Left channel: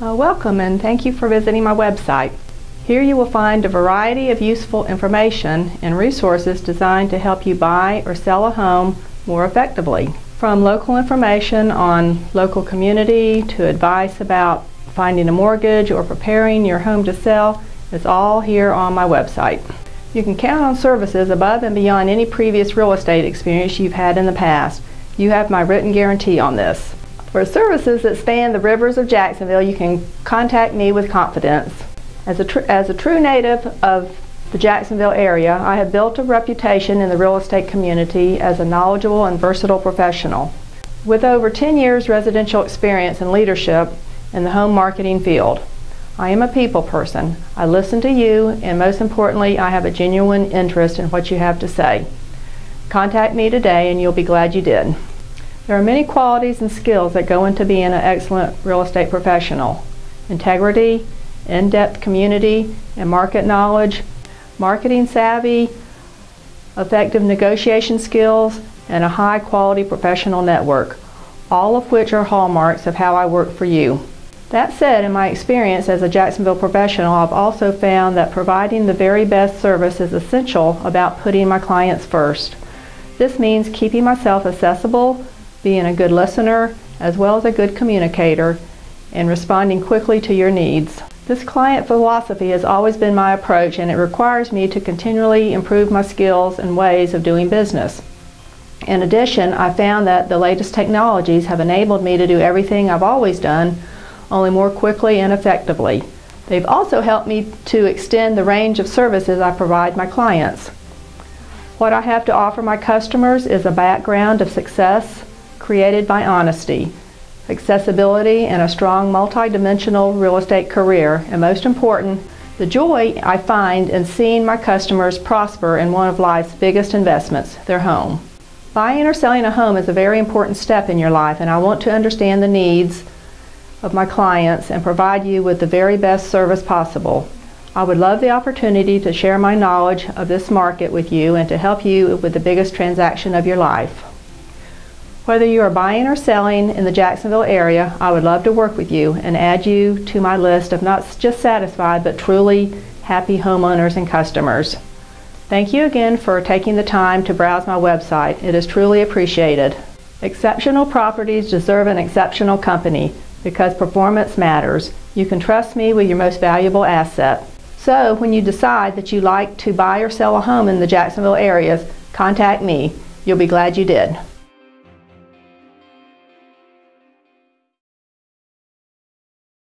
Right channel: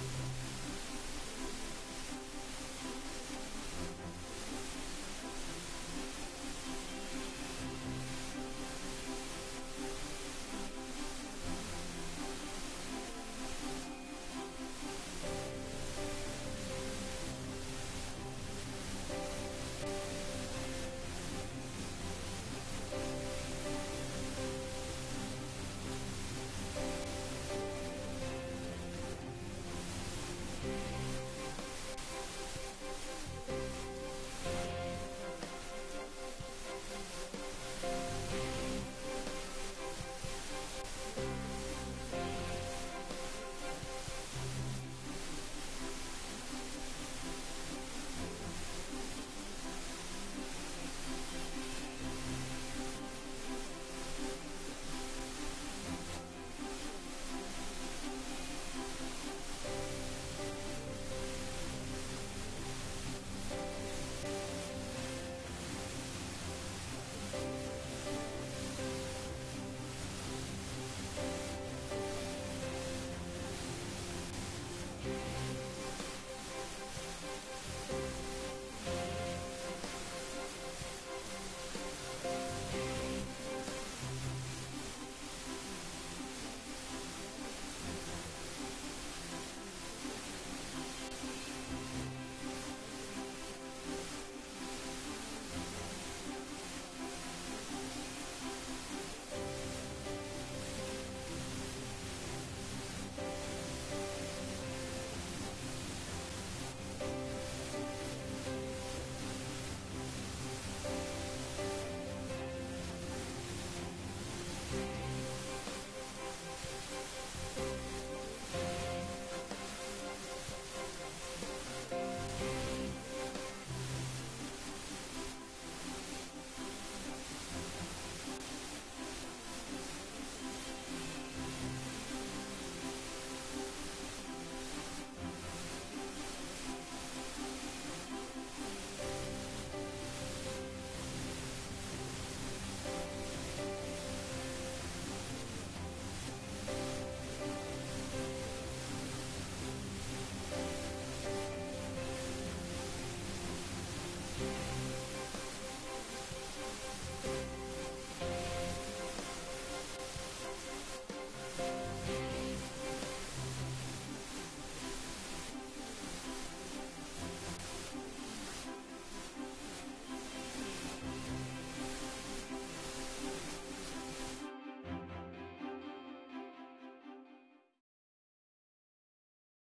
Welcome and thank you for visiting my website. Here you will find a variety of useful information and resources designed to help you buy or sell a home more effectively. From local information on local community to advice about finding a mortgage or preparing your home to sell, it's all here on my website. You can count on services above and beyond any previous real estate experience you've had in the past. You have my written guarantee on this. For services that span the rivers of Jacksonville, you can contact me with confidence. As a true native of the Jacksonville area, I have built a reputation in the real estate community as a knowledgeable and versatile professional. With over 10 years residential experience and leadership in the home marketing field, I am a people person. I listen to you, and most importantly, I have a genuine interest in what you have to say. Contact me today and you'll be glad you did. There are many qualities and skills that go into being an excellent real estate professional. Integrity, in-depth community and market knowledge, marketing savvy, effective negotiation skills, and a high-quality professional network, all of which are hallmarks of how I work for you. That said, in my experience as a Jacksonville professional, I've also found that providing the very best service is essential about putting my clients first. This means keeping myself accessible, being a good listener, as well as a good communicator, and responding quickly to your needs. This client philosophy has always been my approach, and it requires me to continually improve my skills and ways of doing business. In addition, I found that the latest technologies have enabled me to do everything I've always done, only more quickly and effectively. They've also helped me to extend the range of services I provide my clients. What I have to offer my customers is a background of success created by honesty, accessibility, and a strong multi-dimensional real estate career, and most important, the joy I find in seeing my customers prosper in one of life's biggest investments, their home. Buying or selling a home is a very important step in your life, and I want to understand the needs of my clients and provide you with the very best service possible. I would love the opportunity to share my knowledge of this market with you and to help you with the biggest transaction of your life. Whether you are buying or selling in the Jacksonville area, I would love to work with you and add you to my list of not just satisfied but truly happy homeowners and customers. Thank you again for taking the time to browse my website. It is truly appreciated. Exceptional properties deserve an exceptional company because performance matters. You can trust me with your most valuable asset. So when you decide that you like to buy or sell a home in the Jacksonville area, contact me. You'll be glad you did.